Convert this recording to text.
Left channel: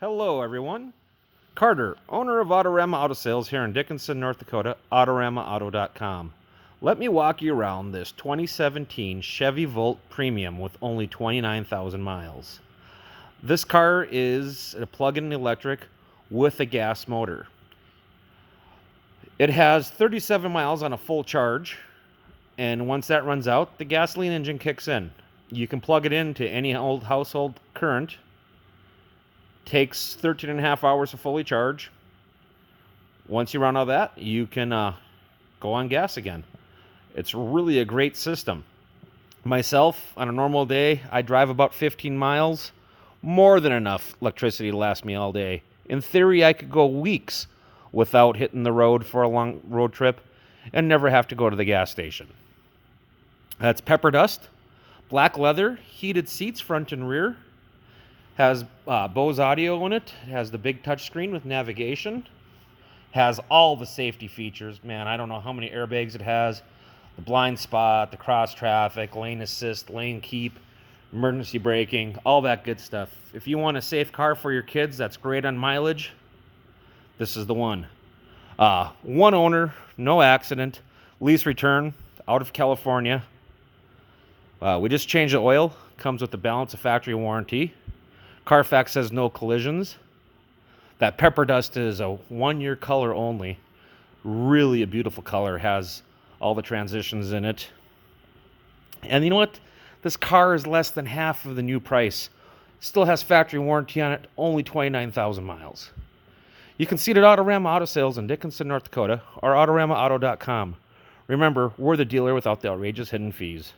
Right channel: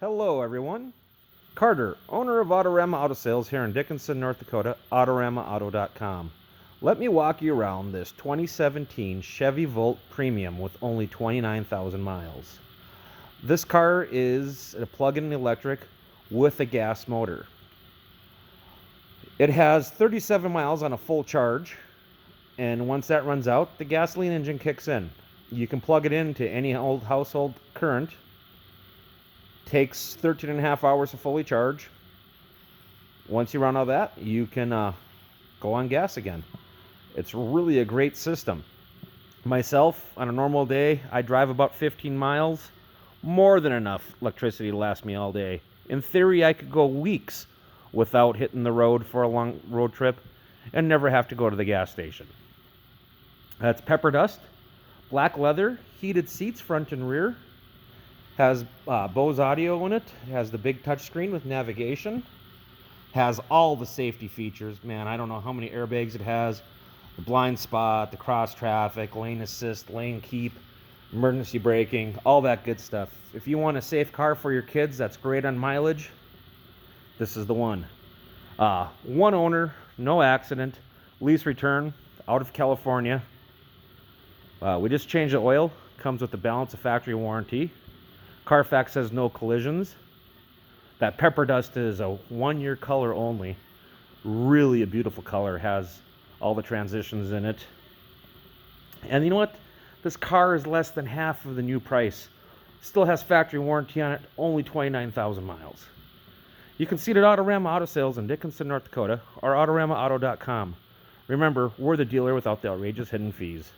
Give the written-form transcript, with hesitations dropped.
Hello everyone, Carter, owner of Autorama Auto Sales here in Dickinson, North Dakota, AutoramaAuto.com. Let me walk you around this 2017 Chevy Volt Premium with only 29,000 miles. This car is a plug-in electric with a gas motor. It has 37 miles on a full charge, and once that runs out, the gasoline engine kicks in. You can plug it into any old household current. Takes 13 and a half hours to fully charge. Once you run out of that, you can go on gas again. It's really a great system. Myself, on a normal day, I drive about 15 miles. More than enough electricity to last me all day. In theory, I could go weeks without hitting the road for a long road trip and never have to go to the gas station. That's pepperdust, black leather, heated seats front and rear. Has Bose audio in it. Has the big touchscreen with navigation. Has all the safety features. Man, I don't know how many airbags it has. The blind spot, the cross traffic, lane assist, lane keep, emergency braking, all that good stuff. If you want a safe car for your kids that's great on mileage, this is the one. One owner, no accident, lease return, out of California. We just changed the oil. Comes with the balance of factory warranty. Carfax says no collisions. That pepperdust is a 1-year color only. Really a beautiful color. Has all the transitions in it. And you know what? This car is less than half of the new price. Still has factory warranty on it. Only 29,000 miles. You can see it at Autorama Auto Sales in Dickinson, North Dakota, or AutoramaAuto.com. Remember, we're the dealer without the outrageous hidden fees.